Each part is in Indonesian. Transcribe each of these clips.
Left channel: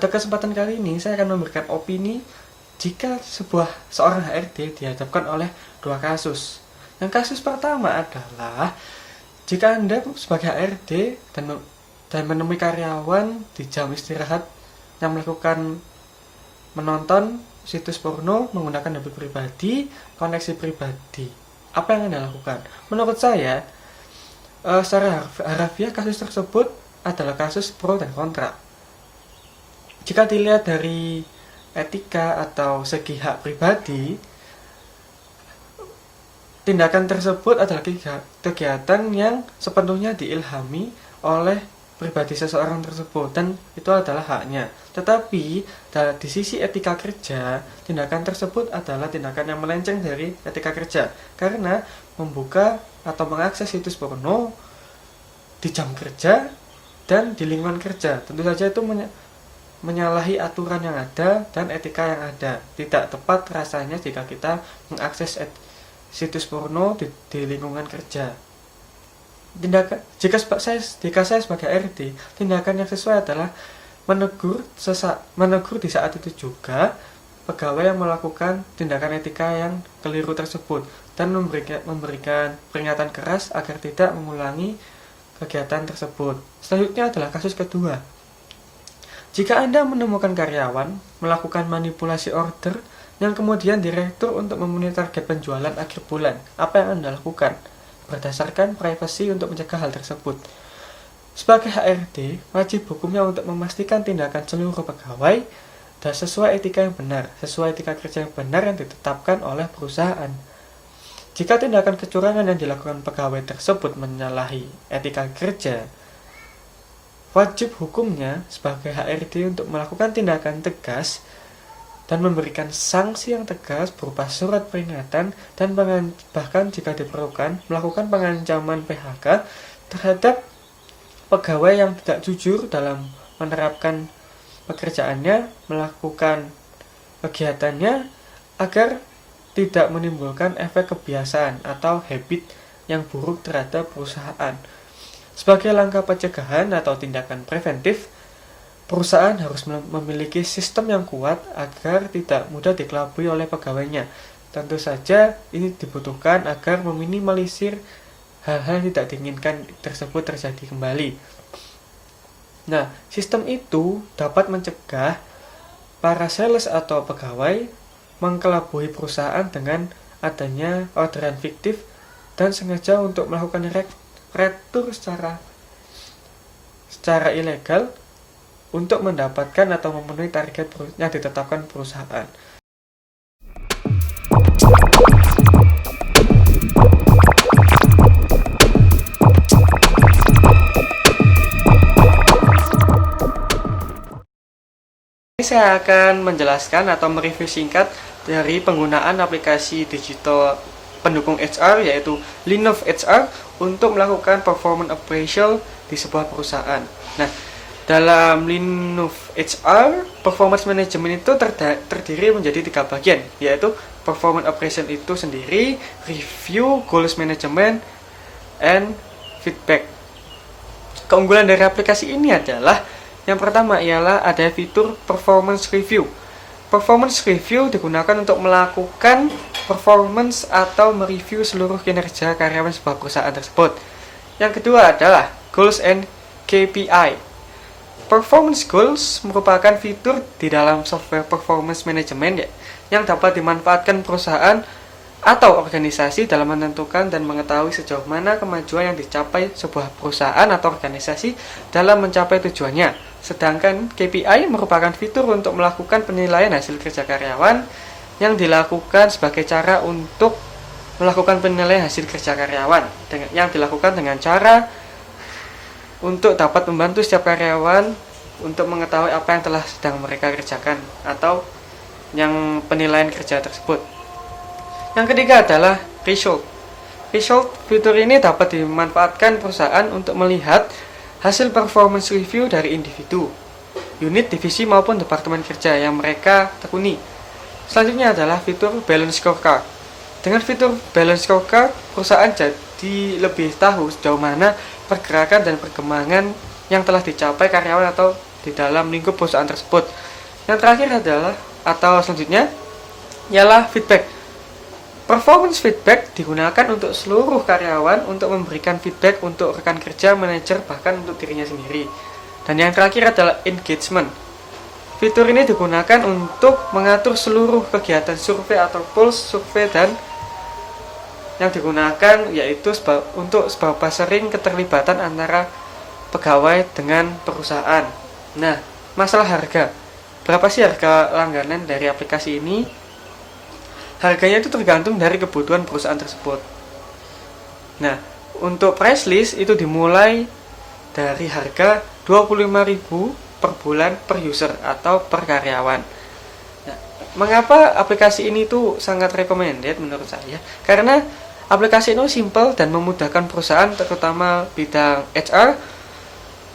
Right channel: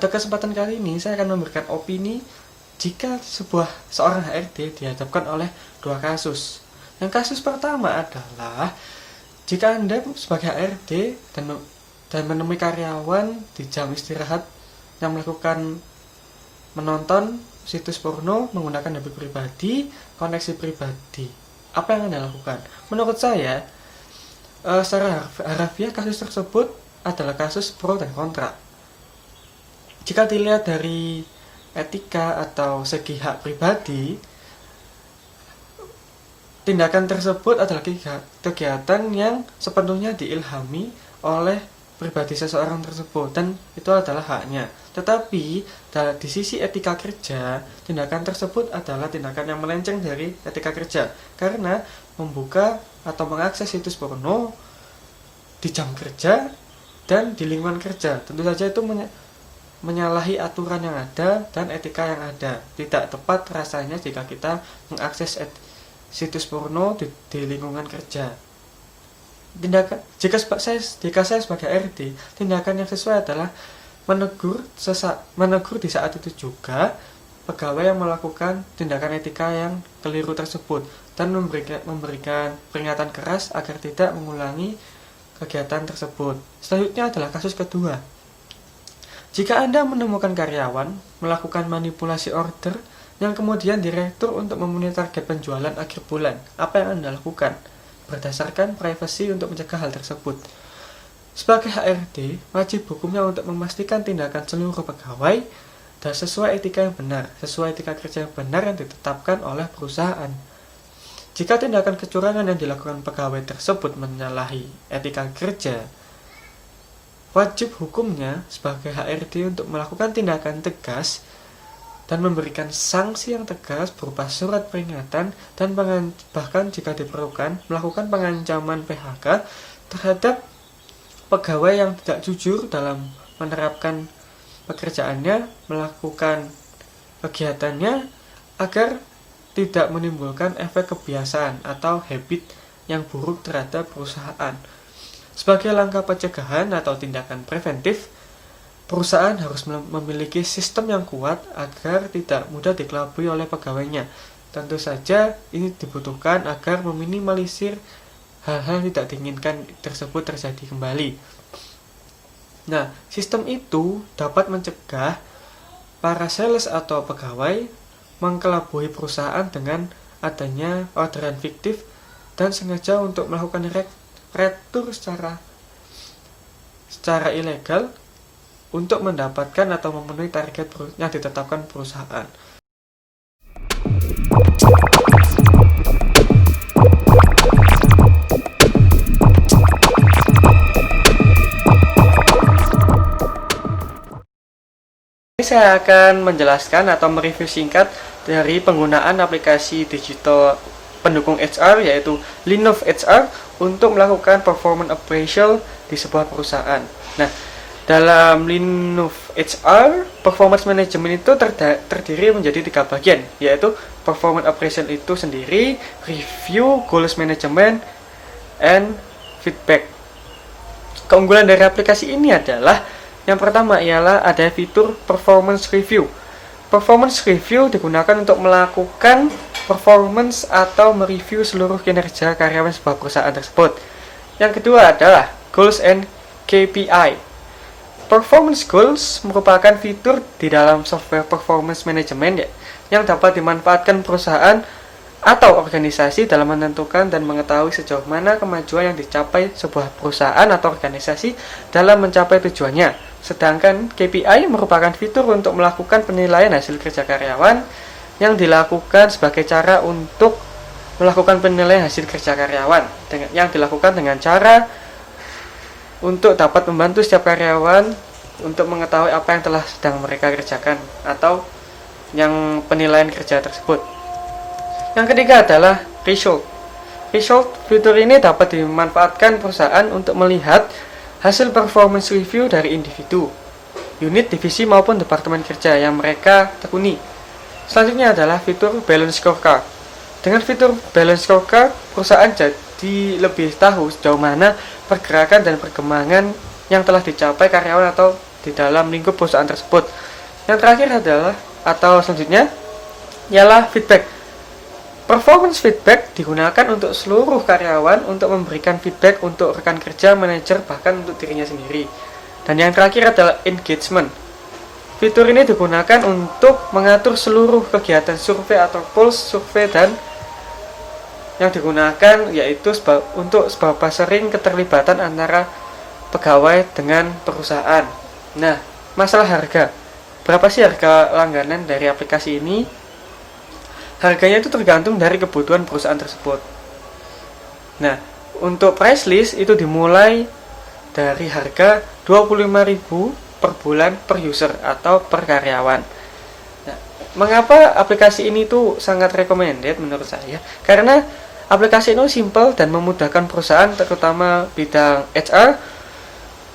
Pada kesempatan kali ini saya akan memberikan opini jika seorang HRD dihadapkan oleh dua kasus. Yang kasus pertama adalah jika Anda sebagai HRD dan menemui karyawan di jam istirahat yang melakukan menonton situs porno menggunakan HP pribadi, koneksi pribadi. Apa yang Anda lakukan? Menurut saya, secara harafiah kasus tersebut adalah kasus pro dan kontra. Jika dilihat dari etika atau segi hak pribadi, tindakan tersebut adalah kegiatan yang sepenuhnya diilhami oleh pribadi seseorang tersebut dan itu adalah haknya. Tetapi di sisi etika kerja, tindakan tersebut adalah tindakan yang melenceng dari etika kerja karena membuka atau mengakses situs porno di jam kerja dan di lingkungan kerja. Tentu saja itu menyalahi aturan yang ada dan etika yang ada. Tidak tepat rasanya jika kita mengakses situs porno di lingkungan kerja. Jika saya sebagai RD, tindakan yang sesuai adalah menegur di saat itu juga pegawai yang melakukan tindakan etika yang keliru tersebut dan memberikan peringatan keras agar tidak mengulangi kegiatan tersebut. Selanjutnya adalah kasus kedua. Jika Anda menemukan karyawan melakukan manipulasi order yang kemudian direktur untuk memenuhi target penjualan akhir bulan, apa yang Anda lakukan? Berdasarkan privasi untuk mencegah hal tersebut. Sebagai HRD, wajib hukumnya untuk memastikan tindakan seluruh pegawai dan sesuai etika yang benar, sesuai etika kerja yang benar yang ditetapkan oleh perusahaan. Jika tindakan kecurangan yang dilakukan pegawai tersebut menyalahi etika kerja, wajib hukumnya sebagai HRD untuk melakukan tindakan tegas dan memberikan sanksi yang tegas berupa surat peringatan dan bahkan jika diperlukan melakukan pengancaman PHK terhadap pegawai yang tidak jujur dalam menerapkan pekerjaannya, melakukan kegiatannya agar tidak menimbulkan efek kebiasaan atau habit yang buruk terhadap perusahaan. Sebagai langkah pencegahan atau tindakan preventif, perusahaan harus memiliki sistem yang kuat agar tidak mudah dikelabui oleh pegawainya. Tentu saja ini dibutuhkan agar meminimalisir hal-hal yang tidak diinginkan tersebut terjadi kembali. Nah, sistem itu dapat mencegah para sales atau pegawai mengkelabui perusahaan dengan adanya orderan fiktif dan sengaja untuk melakukan retur secara ilegal untuk mendapatkan atau memenuhi target yang ditetapkan perusahaan. Saya akan menjelaskan atau mereview singkat dari penggunaan aplikasi digital pendukung HR yaitu Linov HR untuk melakukan performance appraisal di sebuah perusahaan. Nah, dalam Linov HR, performance management itu terdiri menjadi 3 bagian, yaitu performance appraisal itu sendiri, review, goals management, and feedback. Keunggulan dari aplikasi ini adalah yang pertama ialah ada fitur performance review. Performance review digunakan untuk melakukan performance atau mereview seluruh kinerja karyawan sebuah perusahaan tersebut. Yang kedua adalah goals and KPI. Performance goals merupakan fitur di dalam software performance management yang dapat dimanfaatkan perusahaan atau organisasi dalam menentukan dan mengetahui sejauh mana kemajuan yang dicapai sebuah perusahaan atau organisasi dalam mencapai tujuannya. Sedangkan KPI merupakan fitur untuk melakukan penilaian hasil kerja karyawan yang dilakukan sebagai cara untuk melakukan penilaian hasil kerja karyawan yang dilakukan dengan cara untuk dapat membantu setiap karyawan untuk mengetahui apa yang telah sedang mereka kerjakan atau yang penilaian kerja tersebut. Yang ketiga adalah result. Result fitur ini dapat dimanfaatkan perusahaan untuk melihat hasil performance review dari individu, unit, divisi maupun departemen kerja yang mereka tekuni. Selanjutnya adalah fitur balance scorecard. Dengan fitur balance scorecard, perusahaan jadi lebih tahu sejauh mana pergerakan dan perkembangan yang telah dicapai karyawan atau di dalam lingkup perusahaan tersebut. Yang terakhir adalah atau selanjutnya ialah feedback. Performance feedback digunakan untuk seluruh karyawan untuk memberikan feedback untuk rekan kerja, manajer, bahkan untuk dirinya sendiri. Dan yang terakhir adalah engagement. Fitur ini digunakan untuk mengatur seluruh kegiatan survei atau pulse survei dan yang digunakan yaitu untuk seberapa sering keterlibatan antara pegawai dengan perusahaan. Nah, masalah harga. Berapa sih harga langganan dari aplikasi ini? Harganya itu tergantung dari kebutuhan perusahaan tersebut. Nah, untuk price list itu dimulai dari harga 25.000 per bulan per user atau per karyawan. Nah, mengapa aplikasi ini tuh sangat recommended menurut saya? Karena aplikasi ini simple dan memudahkan perusahaan terutama bidang HR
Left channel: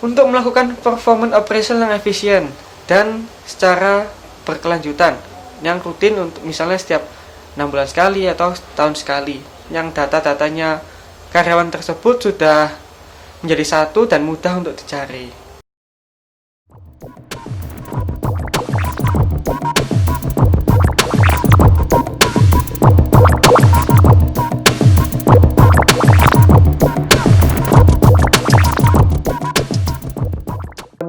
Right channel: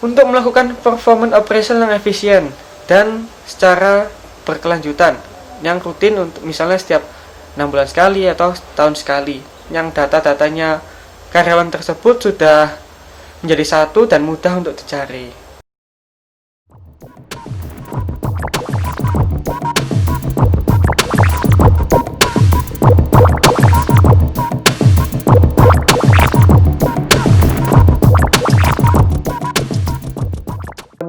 untuk melakukan performance operation yang efisien dan secara berkelanjutan yang rutin untuk misalnya setiap 6 bulan sekali atau tahun sekali, yang data-datanya karyawan tersebut sudah menjadi satu dan mudah untuk dicari.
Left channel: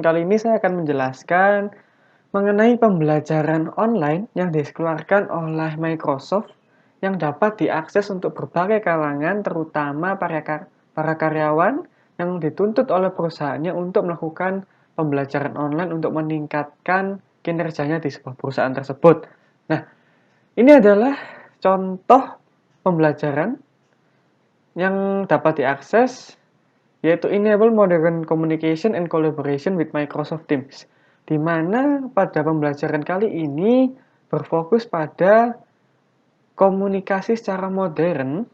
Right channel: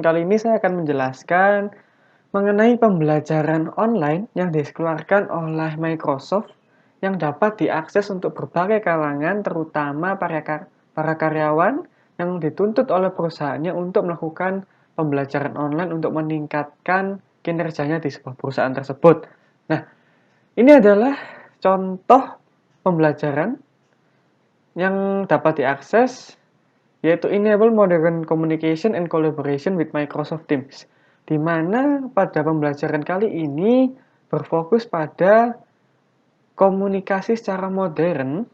Kali ini saya akan menjelaskan mengenai pembelajaran online yang dikeluarkan oleh Microsoft yang dapat diakses untuk berbagai kalangan, terutama para karyawan yang dituntut oleh perusahaannya untuk melakukan pembelajaran online untuk meningkatkan kinerjanya di sebuah perusahaan tersebut. Nah, ini adalah contoh pembelajaran yang dapat diakses, yaitu Enable Modern Communication and Collaboration with Microsoft Teams, di mana pada pembelajaran kali ini berfokus pada komunikasi secara modern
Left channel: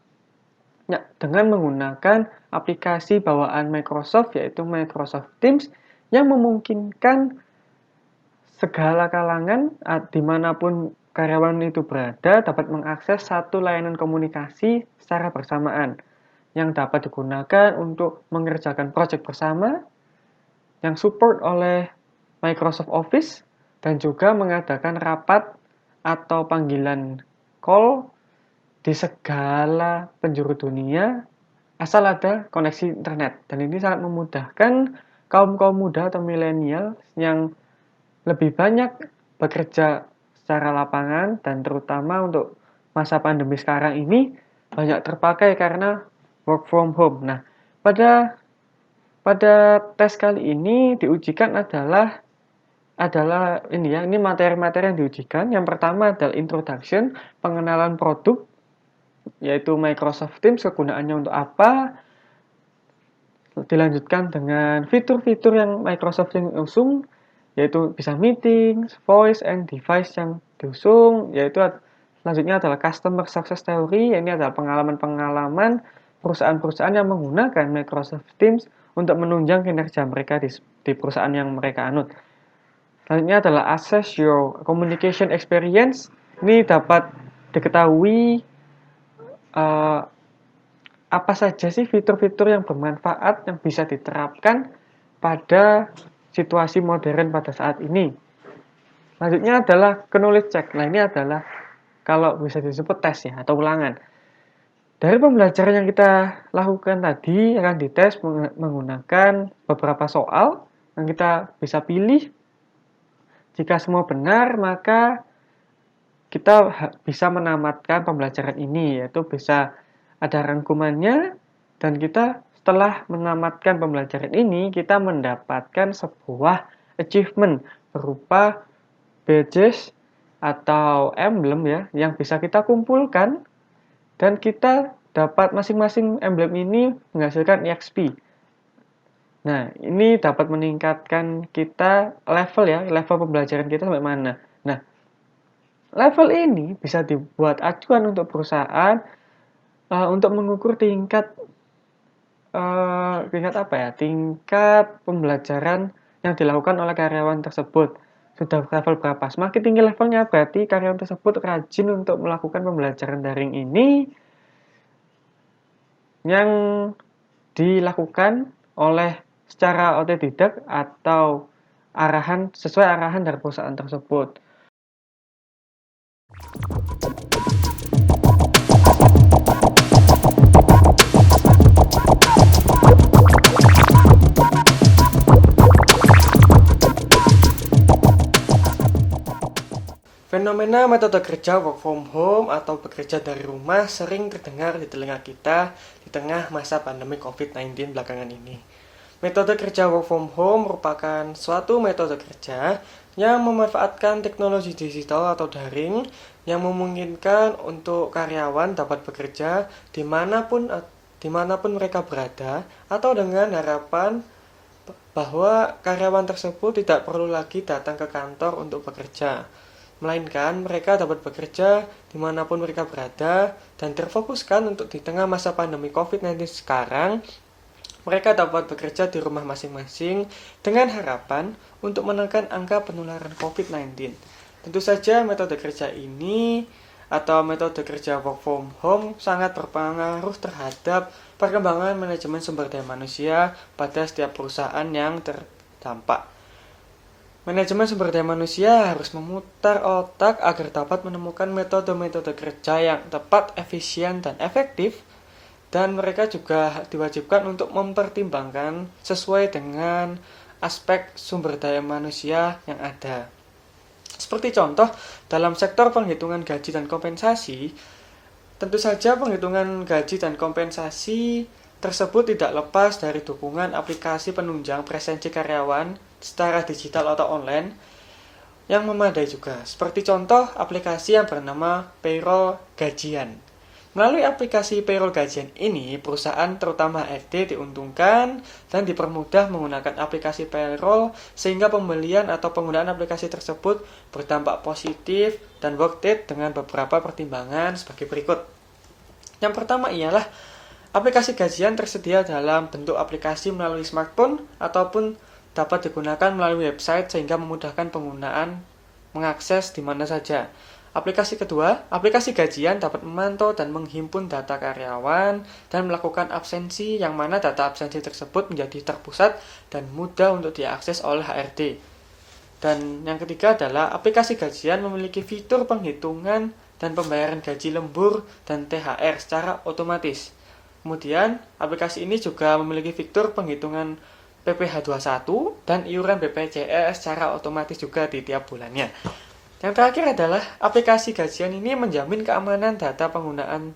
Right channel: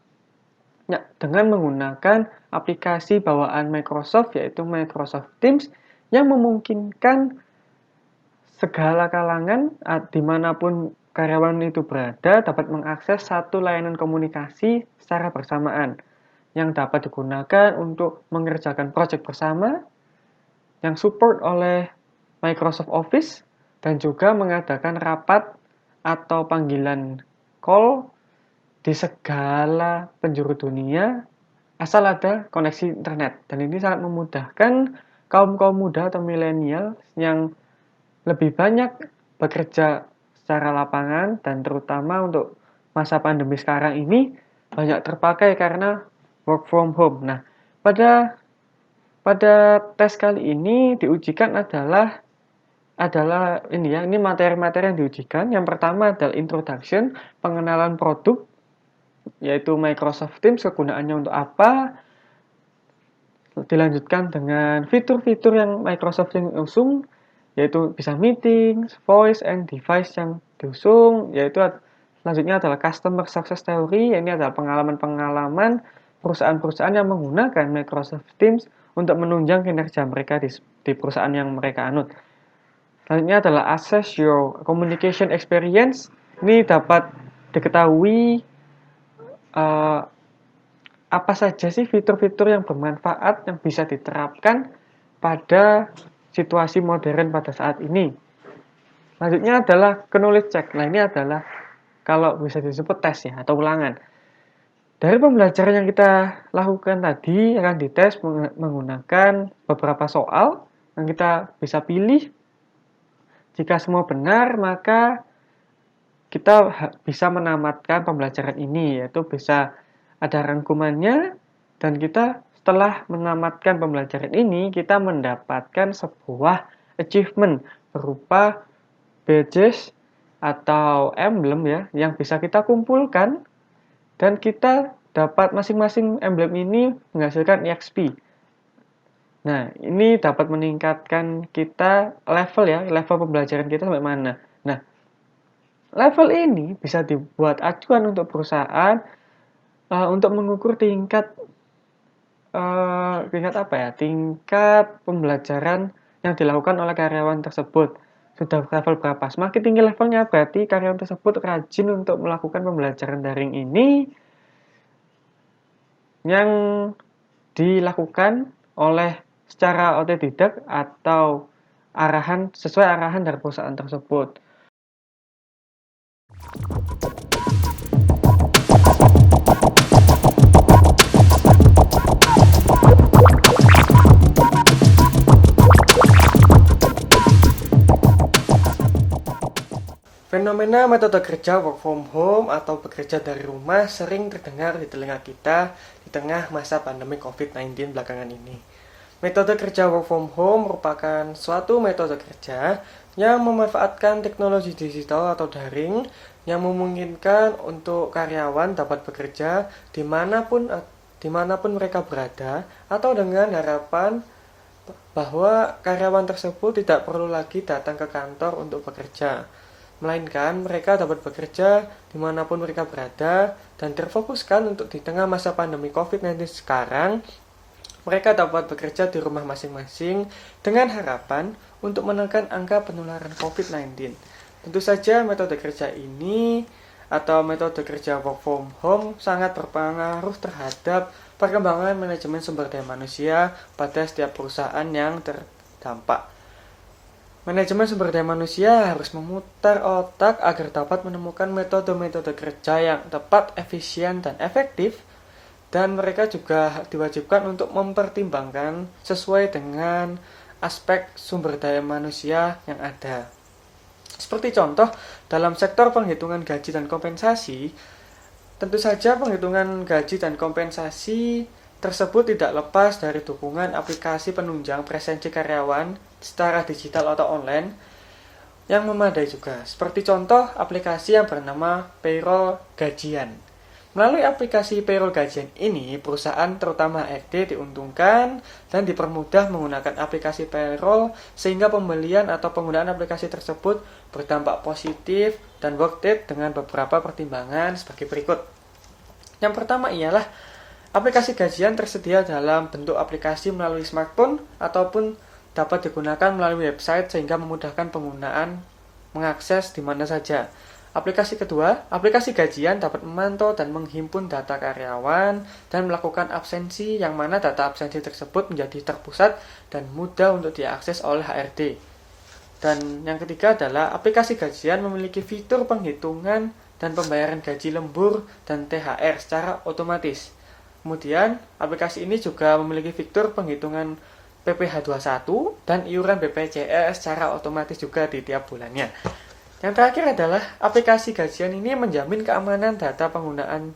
ya, dengan menggunakan aplikasi bawaan Microsoft, yaitu Microsoft Teams, yang memungkinkan segala kalangan dimanapun karyawan itu berada dapat mengakses satu layanan komunikasi secara bersamaan yang dapat digunakan untuk mengerjakan proyek bersama yang support oleh Microsoft Office dan juga mengadakan rapat atau panggilan call di segala penjuru dunia asal ada koneksi internet. Dan ini sangat memudahkan kaum-kaum muda atau milenial yang lebih banyak bekerja secara lapangan dan terutama untuk masa pandemi sekarang ini banyak terpakai karena work from home. Nah, pada tes kali ini diujikan adalah ini materi-materi yang diujikan. Yang pertama adalah introduction, pengenalan produk, yaitu Microsoft Teams, kegunaannya untuk apa. Dilanjutkan dengan fitur-fitur yang Microsoft yang usung, yaitu bisa meeting, voice, and device yang diusung, yaitu selanjutnya adalah customer success theory, ini adalah pengalaman-pengalaman perusahaan-perusahaan yang menggunakan Microsoft Teams untuk menunjang kinerja mereka di perusahaan yang mereka anut. Selanjutnya adalah assess your communication experience. Ini dapat diketahui apa saja sih fitur-fitur yang bermanfaat yang bisa diterapkan pada situasi modern pada saat ini. Selanjutnya adalah knowledge check. Nah, ini adalah kalau bisa disebut tes ya atau ulangan. Dari pembelajaran yang kita lakukan tadi akan dites menggunakan beberapa soal yang kita bisa pilih. Jika semua benar, maka kita bisa menamatkan pembelajaran ini, yaitu bisa ada rangkumannya, dan kita setelah menamatkan pembelajaran ini, kita mendapatkan sebuah achievement berupa badges atau emblem ya, yang bisa kita kumpulkan, dan kita dapat masing-masing emblem ini menghasilkan EXP. Nah, ini dapat meningkatkan kita level pembelajaran kita sampai mana. Nah, level ini bisa dibuat acuan untuk perusahaan untuk mengukur tingkat pembelajaran yang dilakukan oleh karyawan tersebut. Sudah level berapa? Semakin tinggi levelnya berarti karyawan tersebut rajin untuk melakukan pembelajaran daring ini yang dilakukan oleh secara otodidak atau sesuai arahan dari perusahaan tersebut. Fenomena metode kerja work from home atau bekerja dari rumah sering terdengar di telinga kita di tengah masa pandemi COVID-19 belakangan ini. Metode kerja work from home merupakan suatu metode kerja yang memanfaatkan teknologi digital atau daring yang memungkinkan untuk karyawan dapat bekerja dimanapun mereka berada, atau dengan harapan bahwa karyawan tersebut tidak perlu lagi datang ke kantor untuk bekerja, melainkan mereka dapat bekerja dimanapun mereka berada dan terfokuskan untuk di tengah masa pandemi COVID-19 sekarang, mereka dapat bekerja di rumah masing-masing dengan harapan untuk menekan angka penularan COVID-19. Tentu saja metode kerja ini atau metode kerja work from home sangat berpengaruh terhadap perkembangan manajemen sumber daya manusia pada setiap perusahaan yang terdampak. Manajemen sumber daya manusia harus memutar otak agar dapat menemukan metode-metode kerja yang tepat, efisien, dan efektif, dan mereka juga diwajibkan untuk mempertimbangkan sesuai dengan aspek sumber daya manusia yang ada. Seperti contoh, dalam sektor penghitungan gaji dan kompensasi, tentu saja penghitungan gaji dan kompensasi tersebut tidak lepas dari dukungan aplikasi penunjang presensi karyawan secara digital atau online yang memadai juga. Seperti contoh aplikasi yang bernama Payroll Gajian. Melalui aplikasi Payroll Gajian ini, perusahaan terutama HRD diuntungkan dan dipermudah menggunakan aplikasi payroll sehingga pembelian atau penggunaan aplikasi tersebut berdampak positif dan worth it dengan beberapa pertimbangan sebagai berikut. Yang pertama ialah aplikasi gajian tersedia dalam bentuk aplikasi melalui smartphone ataupun dapat digunakan melalui website sehingga memudahkan penggunaan mengakses di mana saja. Aplikasi kedua, aplikasi gajian dapat memantau dan menghimpun data karyawan dan melakukan absensi yang mana data absensi tersebut menjadi terpusat dan mudah untuk diakses oleh HRD. Dan yang ketiga adalah aplikasi gajian memiliki fitur penghitungan dan pembayaran gaji lembur dan THR secara otomatis. Kemudian, aplikasi ini juga memiliki fitur penghitungan PPh 21 dan iuran BPJS secara otomatis juga di tiap bulannya. Yang terakhir adalah aplikasi gajian ini menjamin keamanan data penggunaan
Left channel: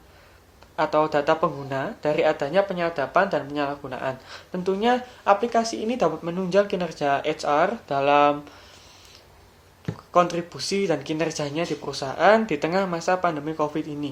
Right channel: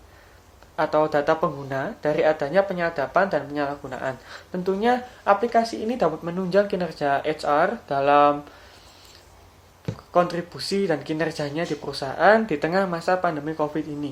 atau data pengguna dari adanya penyadapan dan penyalahgunaan. Tentunya aplikasi ini dapat menunjang kinerja HR dalam kontribusi dan kinerjanya di perusahaan di tengah masa pandemi COVID ini.